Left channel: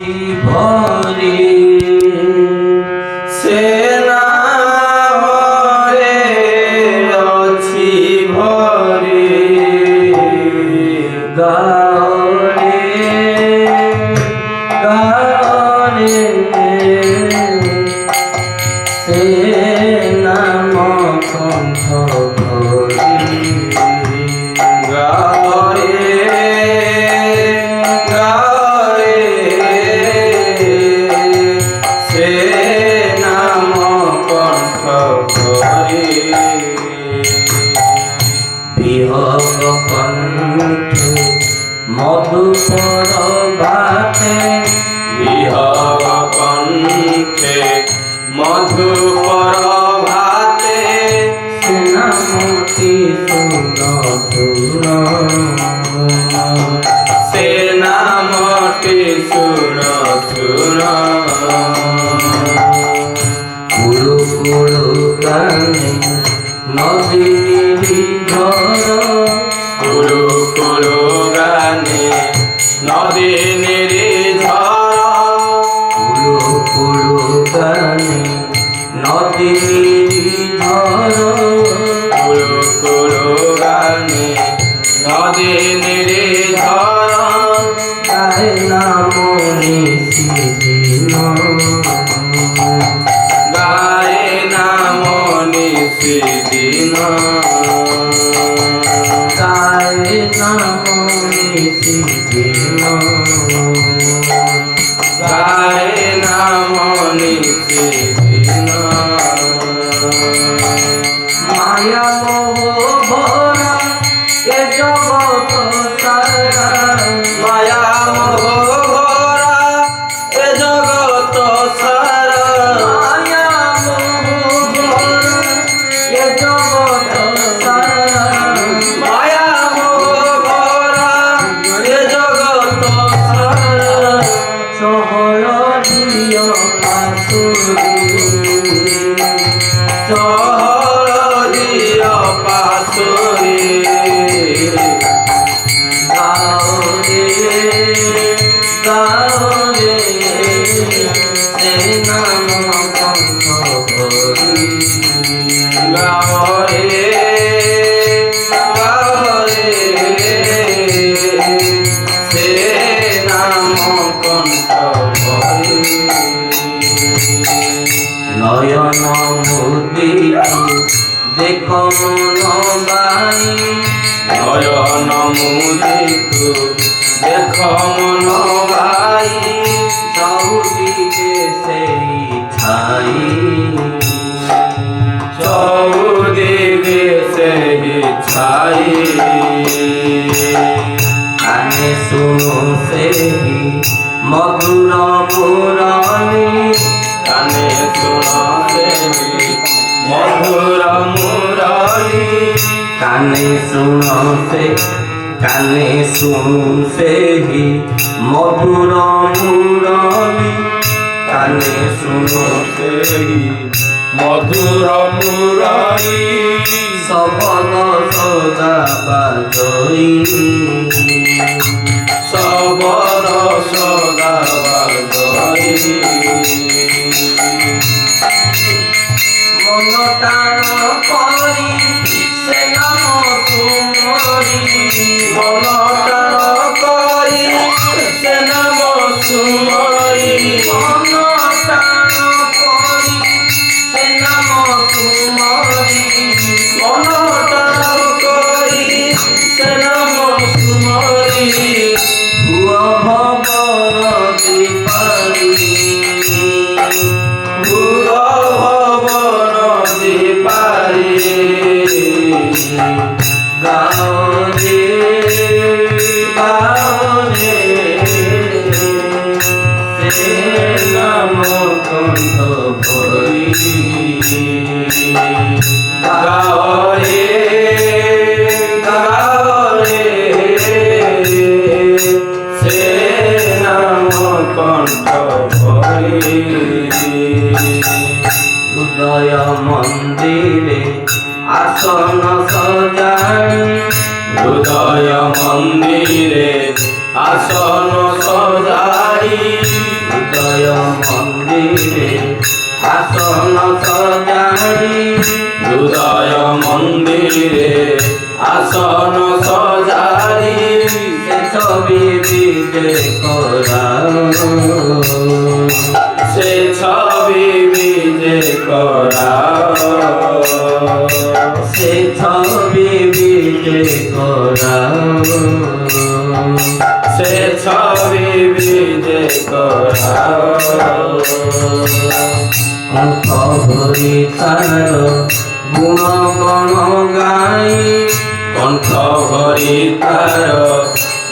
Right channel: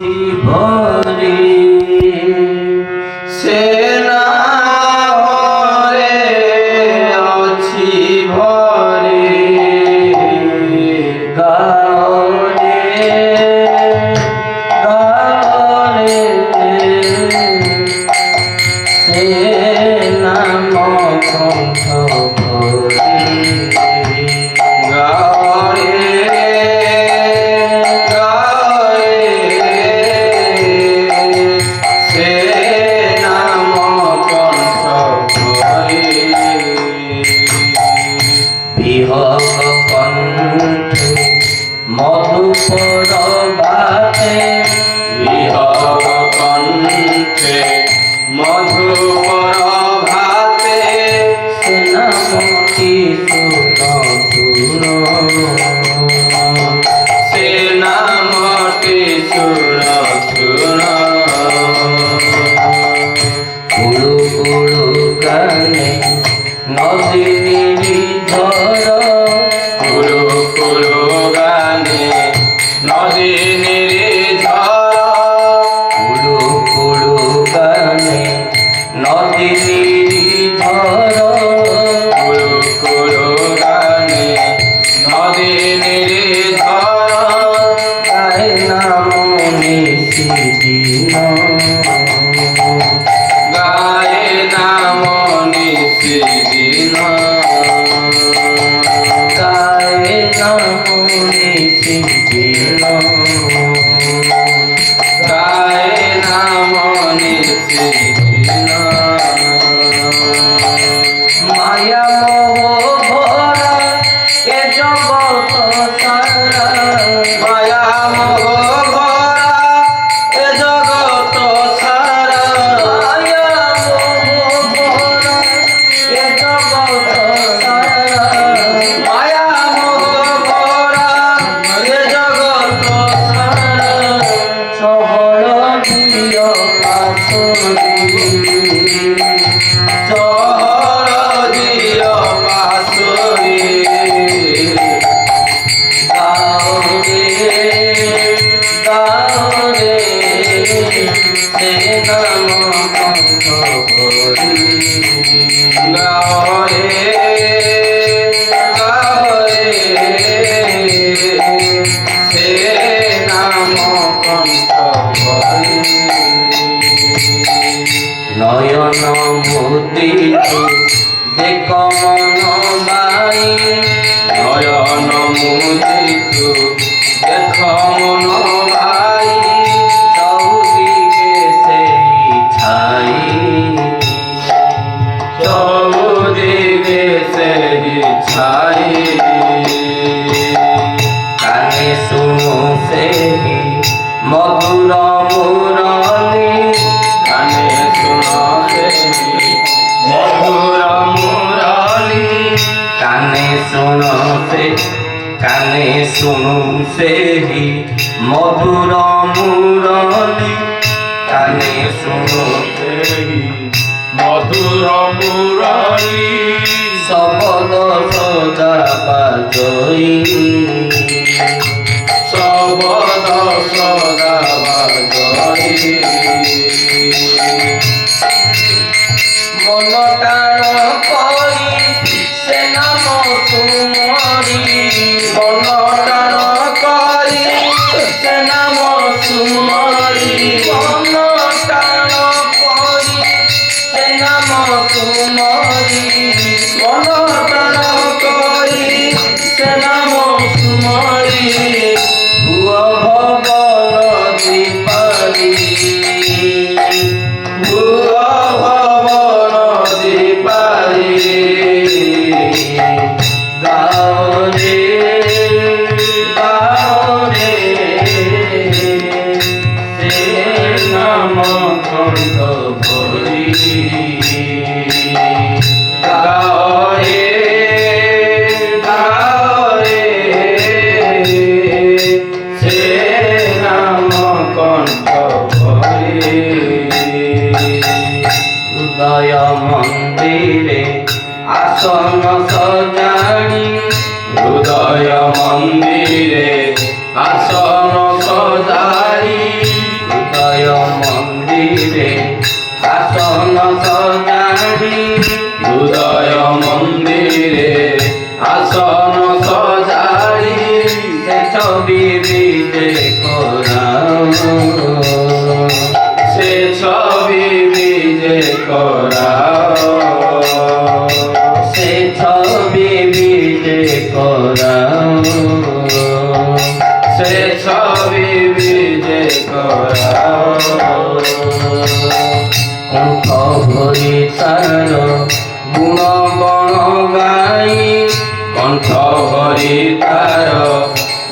ভরি সে নামরে অছি ভরি গারে গারে সে নাম কণ্ঠ ভরি বিহগ কণ্ঠে মধুপর ভাতে বিহগ কণ্ঠে মধুপর ভাতে সে নামটি শুন সে নামটি শুন শুন কুড়ু কুড়ু গানে নদী নির্ঝর কুলু কুলু গানে নদী নির্ঝর কুড়ু কুড়ু গানে নদী নির্ঝর কুলু কুলু গানে নদী নির্ঝর গায়ে নাম নিশিদিন গায়ে নাম নিশিদিন গায়ে নাম নিশিদিন গায়ে নাম নিশিদিন মায়া মোহ ভরা এ জগৎ সারা মায়া মোহ ভরা এ জগৎ সারা মায়া মোহ ভরা এ জগৎ সারা মায়া মোহ ভরা এ জগৎ সারা সহয় দিয় পাশুরি সহরদিয় পাশুরি গাওরে সে নাম কণ্ঠ ভরি গাওরে গাওরে সে নাম কণ্ঠ ভরি নয়ন মুদিত দেখ মন বাই নয়ন মুদিত দেখ মন ভাই চৌদিকে সেই ছাই চৌদিকে সেই ছাই কানে শুনো সেই মধুর মুরলী কানে শুনো সেই মধুর মুরলী কানে শুনো সেই মধুর মুরলী কানে শুনো সেই মধুর মুরলী সবল সদা বাজই সবদ সদা বাজই মন টাণ করি সে নাম সুমরি মন টাণ করি সে নাম সুমরি মন টাণ করি সে নাম সুমরি মন টাণ করি সে নাম সুমরি ভুয় ভবন দীপারি ভুব ভবন দীপারি କରାଅ কণ্ঠ ভরি তার গুণ গণ গাই কণ্ঠ ভরি তার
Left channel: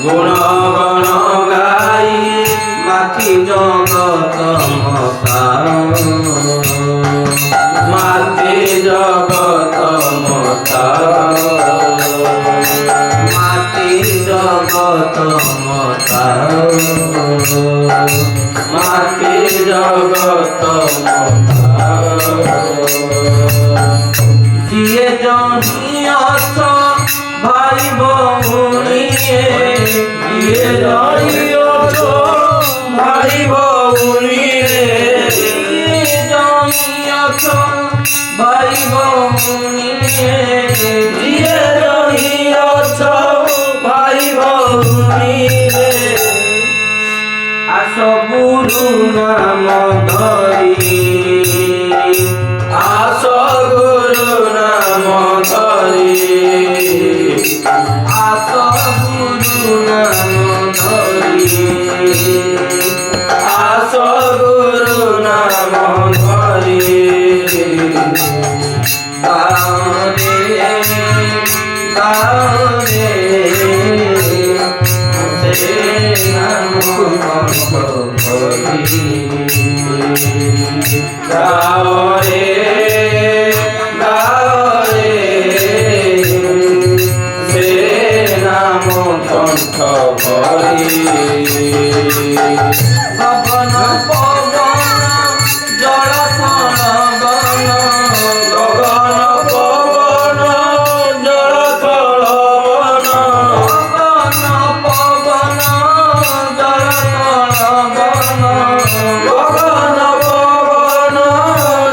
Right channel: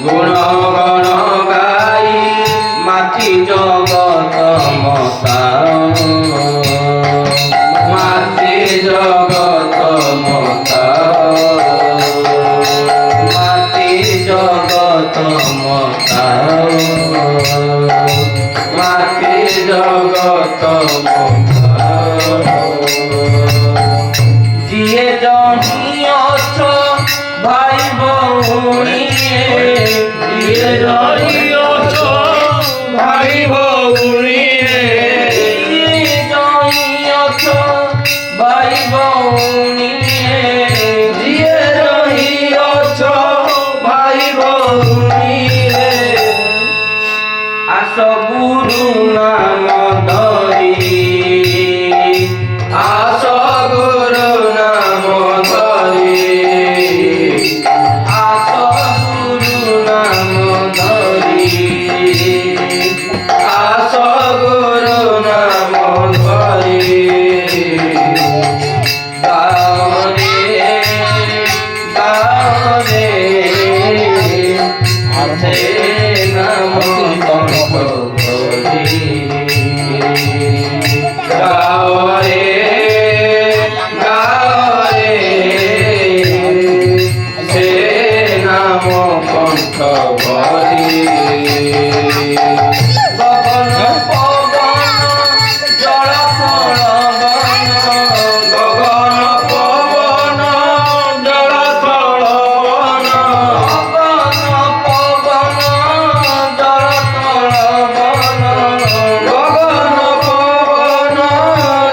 গুণ গণ গাই মাতি জগত মতাও মাতে জগত মতাও মাতি জগত মতাও মাতে জগত মতাও যিয়ে জনি অছ ভাই ভৌণীয়ে দিয়ে জনি অছ ভাই ভৌণীয়ে যিয়ে জনি অছ ভাই ভৌণীয়ে দিয়ে জনি অছ ভাই ভৌণীয়ে আস গুরু নাম ধরি আস গুরু নাম ধরি আস গুরু নাম ধরি আস গুরু নাম ধরি গারে গারে সে নাম কণ্ঠ ভরি গাও রে গাও রে সে নাম কণ্ঠ ভরি গগন পবন জল ফলবন গগন পবন জল থলবন গগন পবন জল ফলবন গগন পবন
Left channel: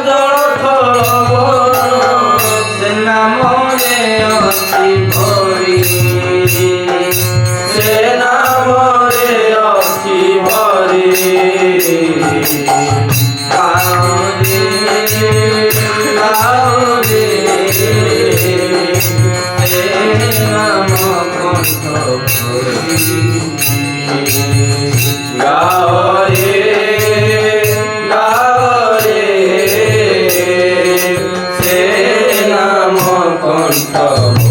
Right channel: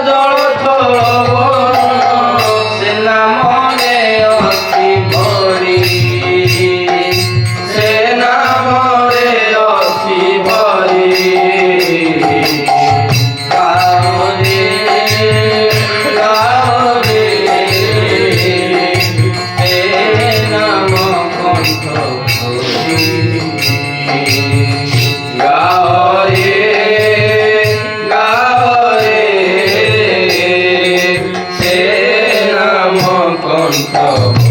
জল থলবন সে নামরে অতি ভরি সে নামরে অসি ভরি গারে গারে এ নাম কণ্ঠ ভরি গাও রে গাও রে সে নাম কণ্ঠ